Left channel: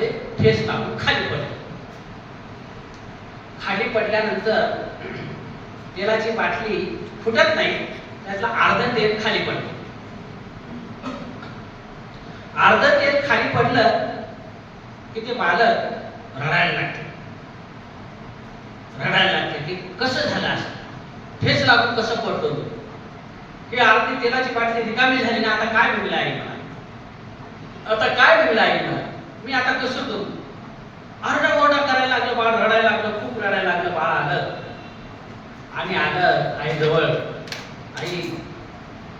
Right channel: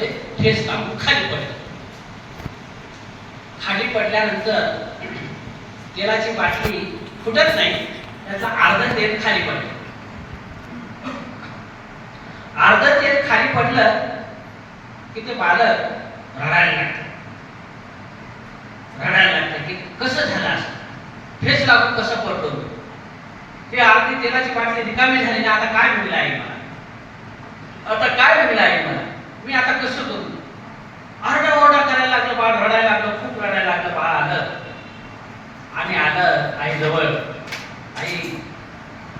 रस्त्यामध्ये ठेच लागून खाली पडलं. खाली पडल्यानंतर तेलाची बाटली फुटत नाही, त्याचं अर्ध तेल खाली पडलं. अर्ध तेल खाली पडलं की ते बालक रडायला लागते की कसं झालं असं, ठेच लागून कसं पडतो. की अर्धी तेलाची बाटली रिकामी झाली ना, आता काय मिळलं आहे मला, आता काय मिळलं आहे मला, मी आता कसं करू. आरडाओरडा करायला लागलं बाळ, रडायला लागलं, खूप रडायला लागलं. बाळ आलं आणि आलं आईजवळ. आई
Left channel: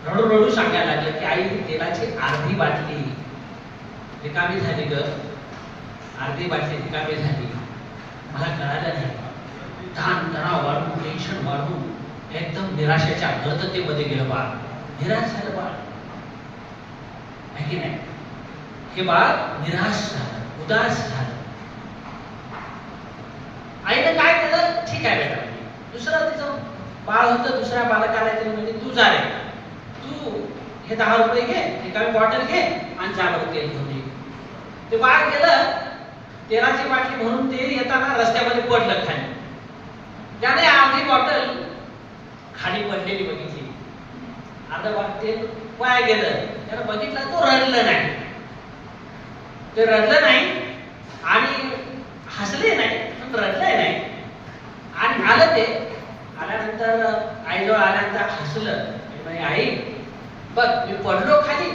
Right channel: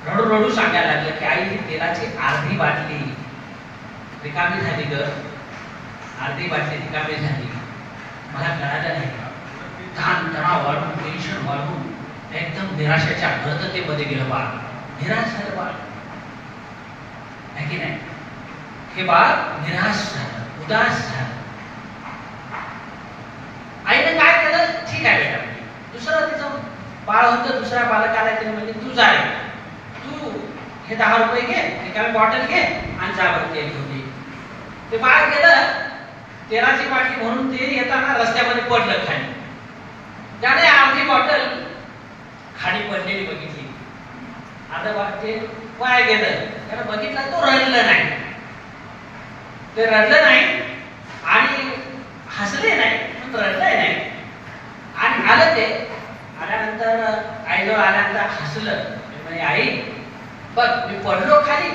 रडू रडू सांगायला लागलं की आई, तेलाची अर्धी बाटली रिकामी झाली ग, अर्धी बाटली रिकामी झाली, मला कळालं नाही. ताण तणाव वाढून, टेन्शन वाढून एकदम निराशेच्या गर्दतेमध्ये गेलं बाळ. निराश झालं बाळ, आहे की नाही. हे बाळ निराश झालं, उदास झालं. आईने काय केलं, ठीक आहे बेटा, दुसरं तिचं बाळ होतं, दुसऱ्या बालकाला केलं म्हणजे तू जा रे, तू हे 10 रुपये घे, रिकामी बॉटल घे आणि जा बरं तेल घेऊन ये. ते बाळ गेलं, तेलाची बाटली भरून तेल येताना रस्त्यामध्ये पडलं खाली. त्याने अर्धी बॉटल खाली पडलेली बघितली, अर्ध तेल वाया गेलं. त्यानं बघितलं, तो रडलं नाही, ते रडलं नाही आणि हसले नाही, पण रडलंय नाही. आणि आलं ते, आल्यानंतर आईजवळ आल्यानंतर हसलं म्हणजे आई बघ, मी पडलो खाली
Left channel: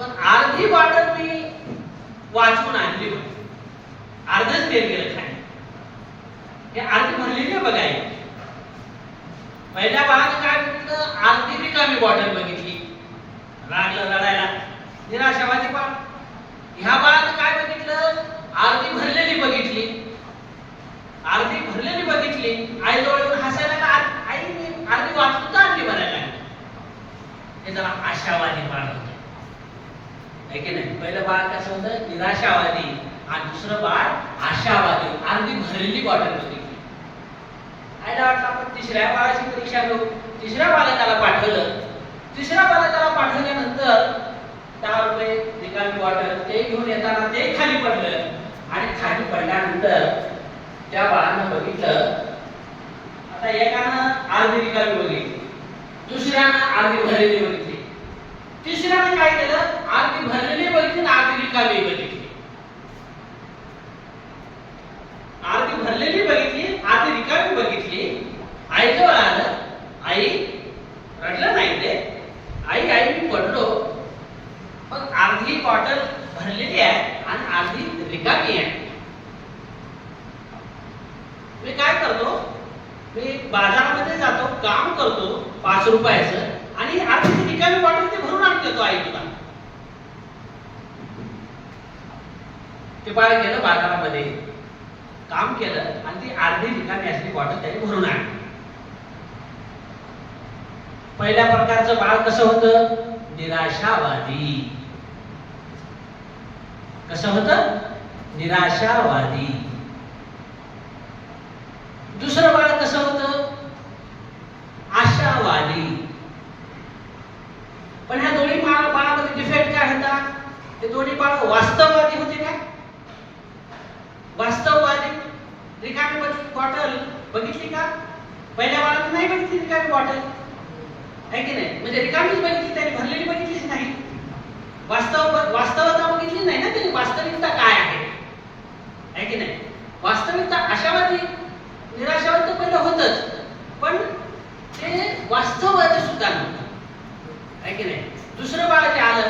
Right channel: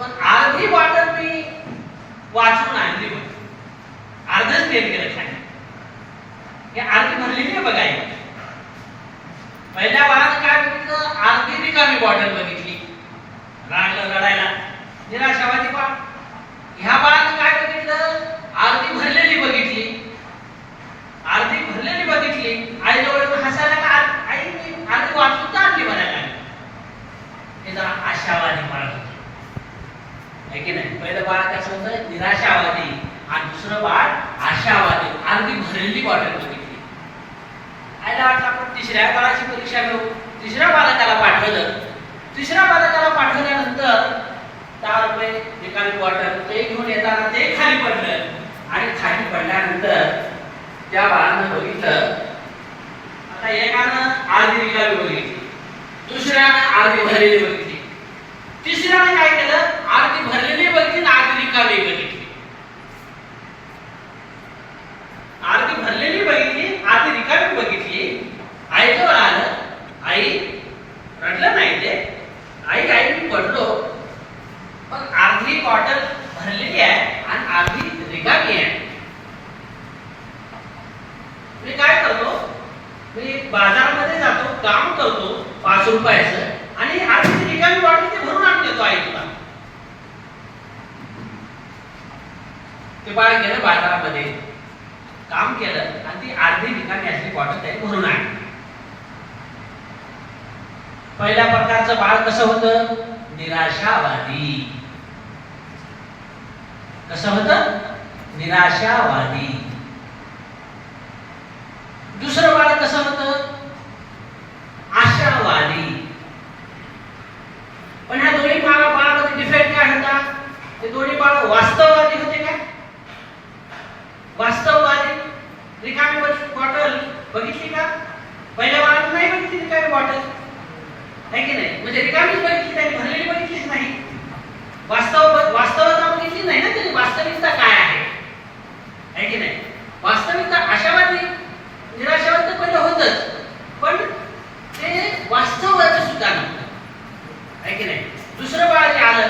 पण अर्धी बॉटल मी वाचून आणली, अर्धच तेल गेलं खाली. हे अर्धी भरलेली आहे बघा. आई पहिल्या बाळानं काय बघितलं, अर्धी रिकामी बॉटल बघितली, लागलं रडायला, निराशावादी बाळ. ह्या बाळानं काय बघितलं, अर्धी भरलेली बघितली, अर्धी भरलेली बघितली. आईजवळ येऊन हसायला का, आई मी अर्धी वाचून तर आणली म्हणायला. हे जरा आशावादी बाळ होतं, आहे की नाही. पहिलं बाळ कसं होतं, निराशावादी, आणि दुसरं बाळ आशावादी. अर्धी भरलेली बॉटल बघितली. आईला वाटलं आपण तिसऱ्या बाळाची परीक्षा घेऊ, तिसऱ्या बालकाला पाठवलं. तिसऱ्या बालकाला पाठवल्यानंतर 10 रुपये रिकामी बॉटल, ते घेऊन येताना ते खाली पडलं. आणि खाली पडल्यानंतर त्या बाळानं बघितलं, आता एकानं अर्धी रिकामी बघितली, दुसऱ्यानं अर्धी भरलेली बघितली, तिसऱ्यानं काय केलं, अर्धी भरलेली बघितली आणि अर्धी रिकामी बघितली. अर्धी भरलेली बघितली, अर्धी रिकामी बघितली. आईजवळ आलं, आई रडलं नाही ते, आई आई मी पडलो, पण अर्धी बॉटल भरलेली आहे आणि अर्धी रिकामी आहे. मी काय करतो, मी बाजारामध्ये जातो, काम करतो 5 रुपयाचं आणि अर्धी रिकामी बॉटल ते भरून आणून देतो आई तुला. ते बाळ गेलं बाजारामध्ये, काम केलं आणि ती अर्धी रिकामी असली बॉटल त्याने भरून आणली. पहिल्या प्रकारचं बाळ कसं होतं, निराशावादी. कसं होतं, निराशावादी. दुसरं बाळ कसं होतं, आशावादी. पण ह्या दोन्ही बाळामध्ये डिफेक्ट काय होता, ते दोन्ही बाळ वास्तववादी होते. काय वास्तववादी, रिकामी बॉटल बघितली का, पहिल्या बाळाने नाही बघितली रिकामी बॉटल, आहे की नाही. म्हणजे रिकामीच बघितली, त्याने भरलेली बघितलीच नाही. वास्तवता बघितली नाही ना त्याने, वास्तविकता काय आहे की नाही. वास्तविकता आशावादी निराशावादी तर पहिलं होतच, पण ते वास्तवाचं सुद्धा नव्हतं, आहे की नाही. दुसरं बाळ जे आलं,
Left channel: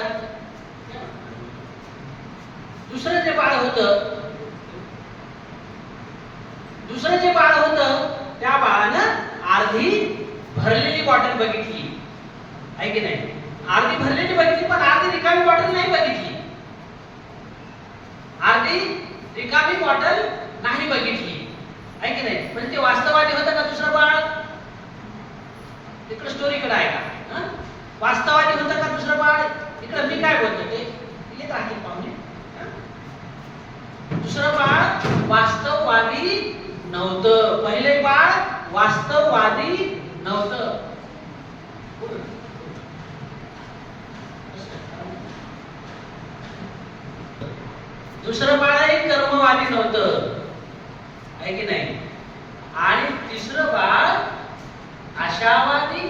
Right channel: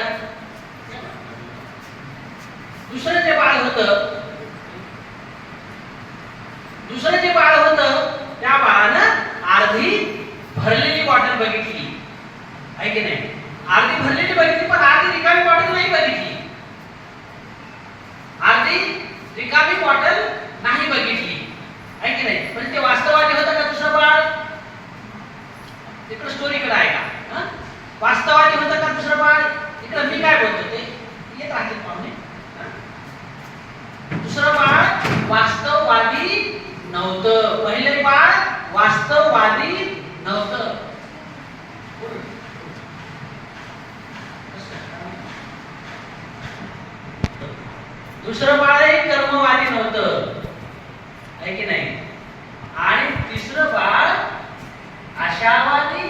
दुसरं जे बाळ होतं, त्या बाळानं अर्धी भरलेली बॉटल बघितली, आहे की नाही. अर्धी भरलेली बघितली पण अर्धी रिकामी बॉटल नाही बघितली, अर्धी रिकामी बॉटल नाही बघितली, आहे की नाही. पण ते वास्तवादी होतं का दुसरं बाळ, इकडे स्टोरीकडे आहे का, वास्तवादी होतं का दुसरं बाळ. इकडे मी काय बोलतो ते येत आहे पाहुणे. दुसरं बाळ वास्तववादी नव्हतं, पहिले बाळ वास्तववादी नव्हतं. दुसरं बाळही कर्मवादी नव्हतं, आहे की नाही? आणि तिसरं बाळ आशावादी,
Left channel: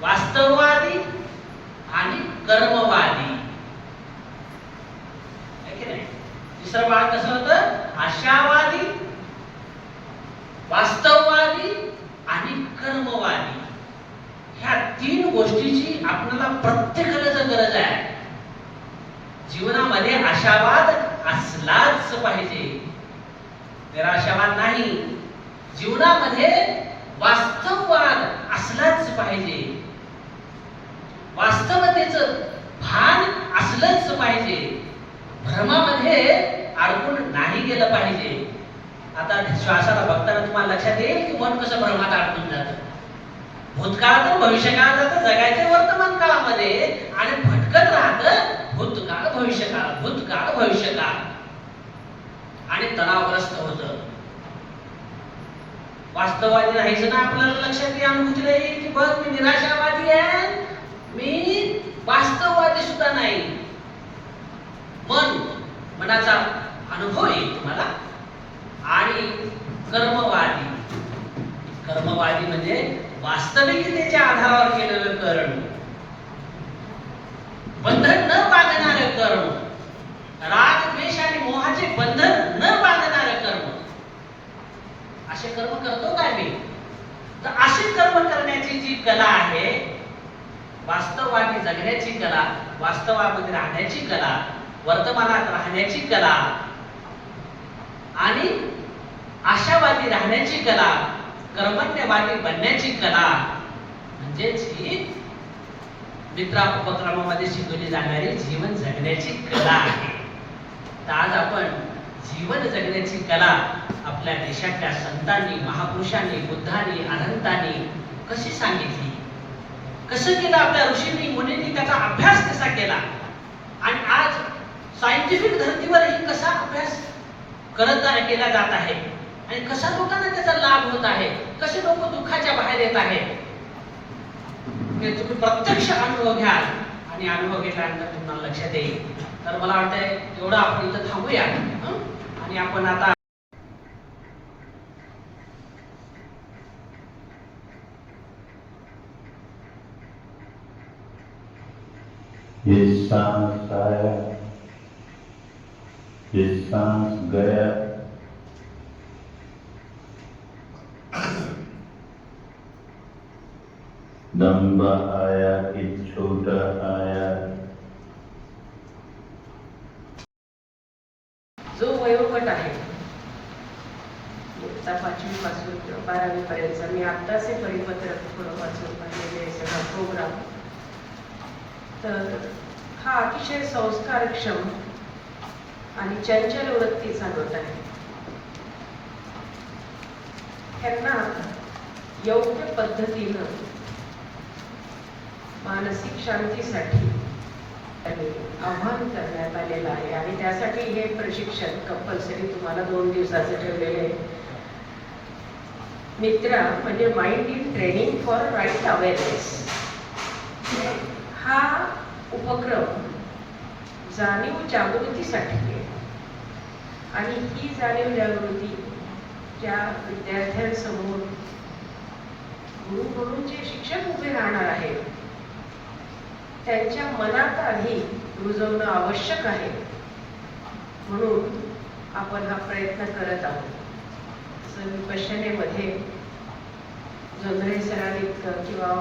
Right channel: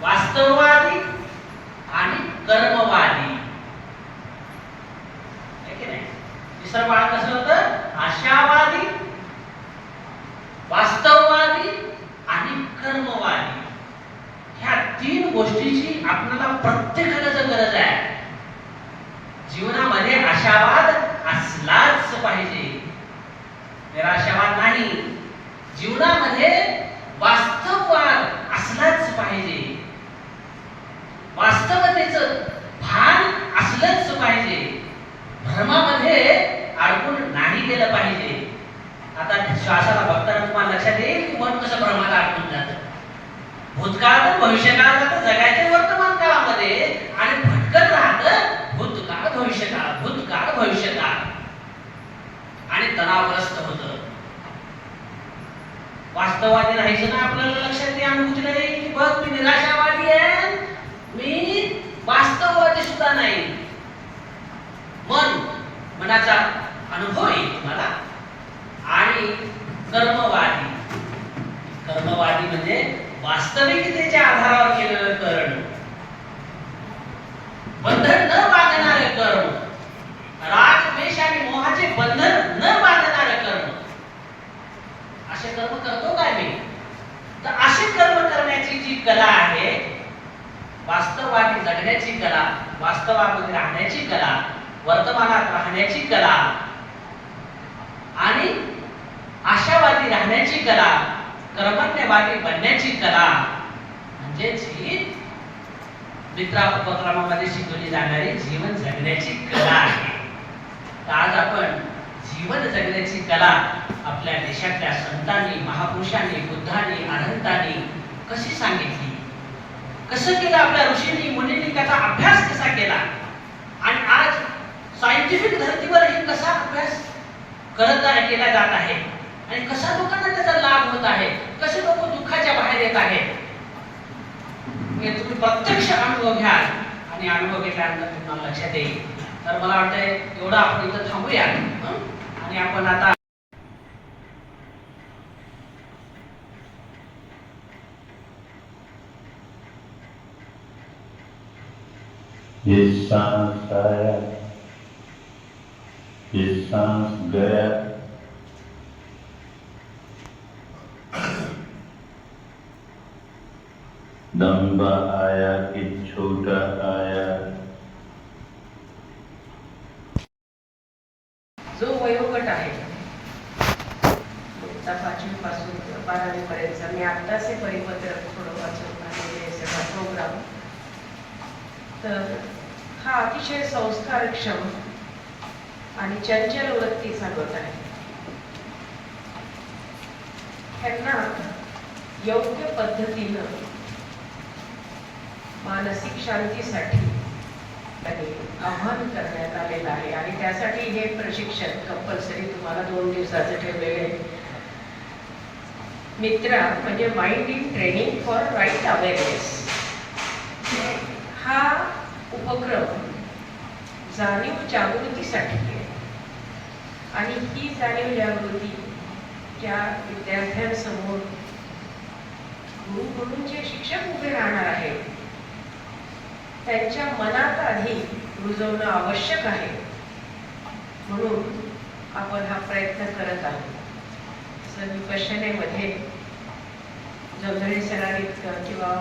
वास्तववादी आणि कर्मवादी, आहे की नाही? तिसरं बाळ कसं होतं? आशावादी, वास्तववादी आणि कर्मवादी. ह्या तीन गोष्टीची आपल्याला प्रत्येकाला गरज आहे. जीवनामध्ये आशावाद असलाच पाहिजे, निराशावाद नाही. जीवनामध्ये वास्तववाद असलाच पाहिजे, वास्तवतेचं भान असलंच पाहिजे, भ्रमामध्ये अडकून नाही गेलं पाहिजे. आता श्वासाला बघताना तुम्हाला लक्षात येईल की मन कसं भ्रमात अडकून जातं. भूतकाळातून भविष्यकाळात जगायचे वर्तमान काळामध्ये आणि भटकत राहतं भूतकाळ भविष्यकाळ, भूतकाळ भविष्यकाळ, आणि तणावग्रस्त होतं. वास्तववादी राहायचं ना, आपल्याला लक्षात या अनुभूती नाही की बघ मी निराशावादी आहे, मी वास्तववादी सुद्धा नाही. मनाचा अनुभव येईल तुम्हाला. आणि कर्मवादी, कर्मवादी म्हणजे वास्तविकतेच्या आधारावर केलेलं कर्म, बंधन न बांधणारे कर्म, राग द्वेष आणि मोहाचे बंधन न बांधणारे कर्म. असे कर्म करतो काय मी? तर असे कर्म करण्याची जी कला आहे, वास्तववादी जगण्याची कला, वास्तवामध्ये राहण्याची कला, वर्तमानात राहण्याची कला आणि आशावादी राहण्याची कला, कर्मण्यवादी बनण्याची कला, म्हणजेच ही मित्रा उपक्रमामध्ये शिकवली जाणारी जीवन जगण्याची कला आहे. तर आज आपण जीवन जगण्याची कला आपल्या देशातल्या संतांनी, महापुरुषांनी, बुद्धांनी, अनंतांनी कशी सांगितली, कसं केलं, आपल्या ऋषींनी मुनींनी त्याचा अभ्यास कसा केला, आणि आज सायंटिफिक धर्तीवरही कसा अभ्यास केला जात आहे, आणि कसा लोकांना त्याचा लाभ होत आहे, कसे लोक दुःखाच्या बाहेर येत आहेत, हे तुम्ही प्रत्यक्ष अनुभव घ्याल. आणि अनुभव घेतल्यानंतर तुम्हाला लक्षात येईल. तर मला वाटतंय एवढं आपण इथं थांबूया आणि आपण आता ये सांस आया, ये सांस गया, लंबा आया कि छोटा आया. जो वयोगट आहे 5वी पासून 12वी पर्यंत, मी आत्ताच हे परिपत्रक थोडं वाचून पाहिलेले सगळा प्रोग्राम. तर हा अतिशय संस्कारक्षम आणि चंचल वृत्ती चालवत आहे. त्यांना योग्य पद्धतीनं मानसिक शांतीसाठी आव्हान करण्यात आलेलं आहे. आणि त्यासाठी हे प्रशिक्षण कंपल्सरी तुम्हाला 2 दिवसाचं ठेवलेले आहे. मित्रा म्हणजे mind in training for right awareness. हा उपक्रम जाणीव जागृतीसाठी आहे. आणि ही जाणीव जागृती ज्या विद्यार्थ्यांसमोर गुरु म्हणून जे शिक्षक उभे राहणार आहेत त्यांच्या मनात आधी रुजवणं आवश्यक आहे. म्हणून आपण हा प्रयत्न करत आहोत. विपश्यनेमध्ये जोंधळे सरांइतकं किंवा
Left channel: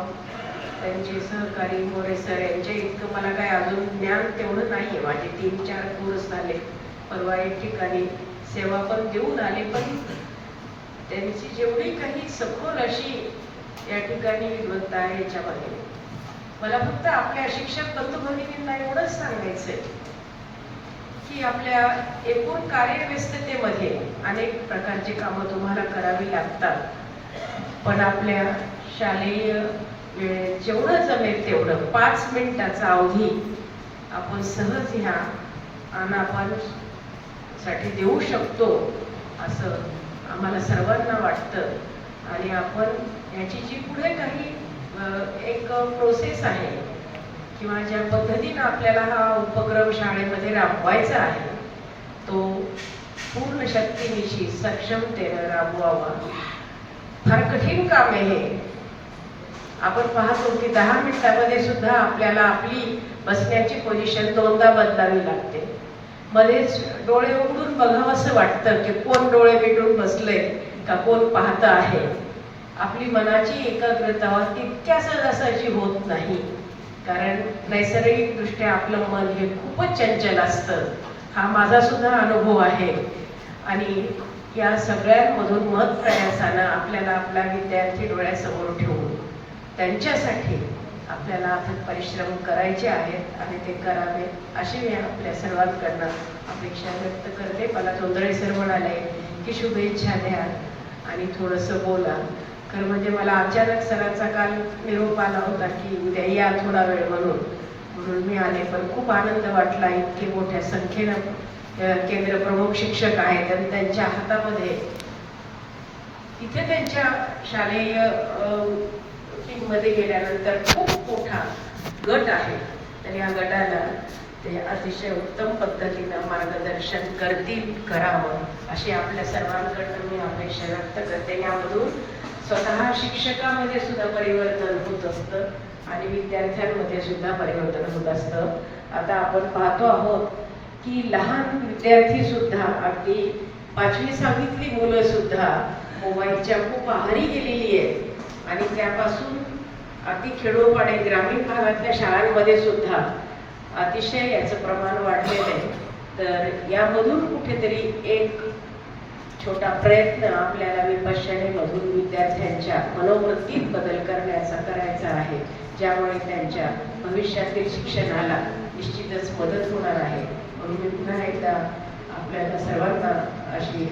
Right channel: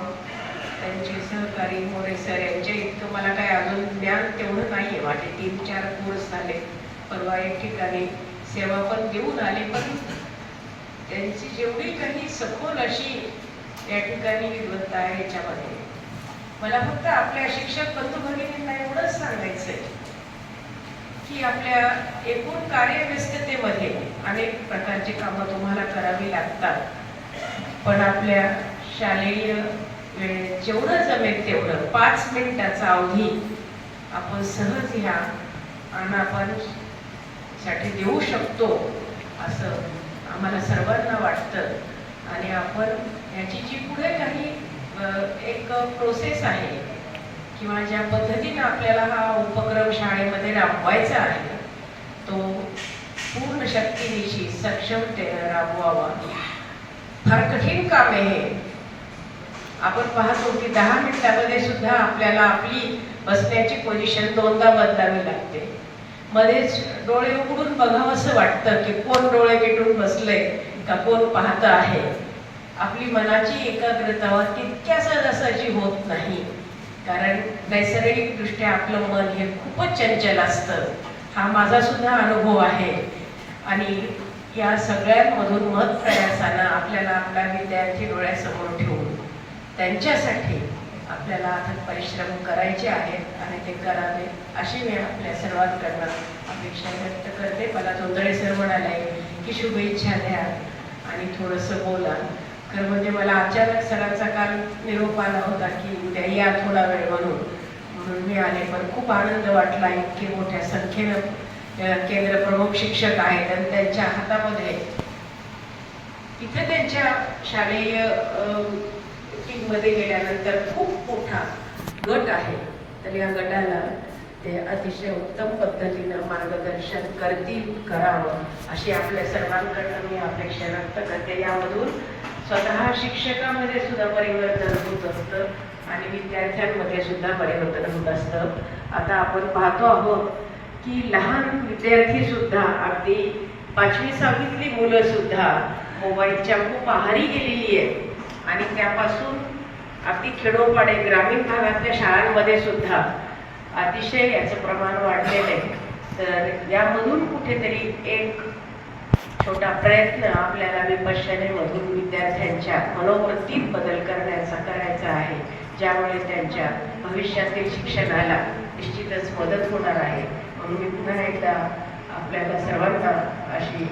त्यांचे सहकारी मोरे सर यांच्या इतकं मला काय अजून ज्ञान तेवढं नाही आहे. माझे 3-4 कोर्स झाले. परवा एक ठिकाणी सेवा पण देऊन आले, पण त्यांची जेवढी काही सखोल अशी या ठिकाणी विद्वत्ता आहे याच्यामध्ये मला फक्त आपल्या शिक्षक बंधू भगिनींना एवढंच सांगायचंय की आपल्या एकूण कार्यव्यस्ततेमध्ये अनेक प्रकारची कामं तुम्हाला करावी लागतात, पण आपल्या शालेय वेळेत जेवढं जमेल तेवढं 5 मिनिटाचा अवधी आपण सहज ह्या आनापान साठी देऊ शकतो असं आम्हाला सर्वांना वाटतं. आणि आपण याची जी पुढे काही एक प्रोसेस आहे किंवा ज्या पद्धतीनं आपल्याला हा उपक्रम शाळेमध्ये राबवायचा आहे तो पूर्ण शक्तीनिशी सक्षमतेनं राबवावा. फार कठीण काम आहे हे. आपण पाहतो की 10 मिनिटामध्ये सुद्धा आपल्याला आपली बसण्याची पोझिशन दोनदा बदलावी लागते. मध्येच डोळे उघडून बघावंसं वाटतं की कोण डोळे मिटून बसले का कोण पाहतं आहे. आपली मनाची एकाग्रता तितक्या सहजासहजी होत नाही, कारण नैसर्गिकदृष्ट्या आपलं मन हे खूपच चंचल असतं. हा माझा सुद्धा अनुभव आहे. आणि या सगळ्यांमधून मत प्रयासानं आपल्याला आपला विद्यार्थी डोळ्यासमोर ठेवून त्यांच्यासाठी आपल्याला अथक परिश्रम करायचे आहेत आणि ते करावे अशी मी आपल्या सर्वांकडनं अपेक्षा व्यक्त करते. मला जोंधळे सर म्हणाले की शुभेच्छा द्या आणि थोडंसं बोला. खरं म्हणजे मला अचानक सरांचा काल निरोप आला होता की उद्या या थोडा वेळ म्हणून मी आले. पण खूप आनंद वाटला. इतके मोठ्या संख्येनं केंद्र प्रमुख शिक्षक आहेत आणि त्यांच्या हातामध्ये इथे त्यांच्या शालेय टीममध्ये गेल्यानंतर खूप मोठा गट आहे. तर या गटाला ते अतिशय उत्तम पद्धतीनं मार्गदर्शन करतील, करावं अशी आपल्या सर्वांकडनं मी अपेक्षा व्यक्त करते. यामधून स्वतः शिक्षकामध्ये सुद्धा परिवर्तन होत असतं आणि विद्यार्थ्यांमध्ये सुद्धा परिवर्तन होत असतं. आता आपण पाहतो आहोत की लहान विद्यार्थी सुद्धा अगदी 5वी 6वीतली मुलं सुद्धा मोबाईलच्या खूप आहारी गेलेली आहेत आणि त्यापासून अगदी खेडोपाडे ग्रामीण भागातल्या शाळांमध्ये सुद्धा अतिशय याचं प्रमाण वाढलेलं आहे. तर यामधून कुठेतरी एक छोटा प्रयत्न आपल्याला विपश्यनेमधून विद्यार्थ्यांच्या मनोवृत्तीत बदल करायचा आहे, ज्यामुळे त्यांच्या भविष्यातील शिक्षणाला निश्चितच मदत होणार आहे. म्हणून मी पुन्हा एकदा आपल्याला सर्वांना अशी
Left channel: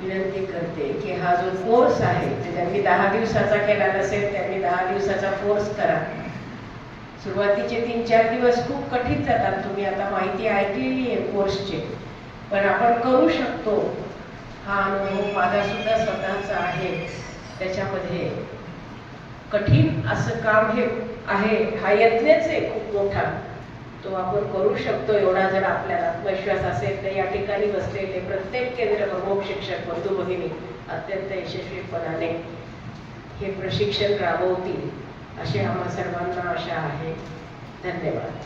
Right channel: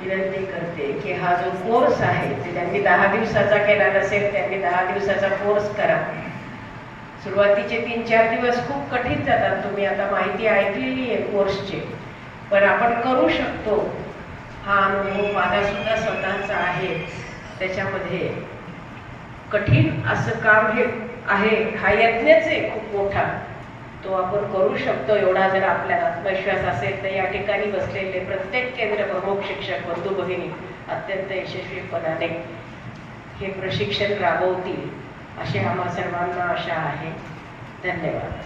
विनंती करते की हा जो कोर्स आहे ते ज्यांनी 10 दिवसाचा केला नसेल त्यांनी 10 दिवसाचा कोर्स करा. सुरुवातीचे 3-4 दिवस खूप कठीण जातात. तुम्ही आता माहिती ऐकलेली आहे कोर्सची, पण आपण करू शकतो. हा अनुभव माझा सुद्धा स्वतःचा आहे. त्याच्यामध्ये कठीण असं काम हे आहे, हा यज्ञच आहे खूप मोठा. तो आपण करू शकतो एवढा जर आपल्याला आत्मविश्वास असेल तर या ठिकाणी बसलेले प्रत्येक केंद्र प्रमुख शिक्षक बंधू भगिनी अत्यंत यशस्वीपणाने हे प्रशिक्षण राबवतील अशी आम्हा सर्वांना आशा आहे. धन्यवाद.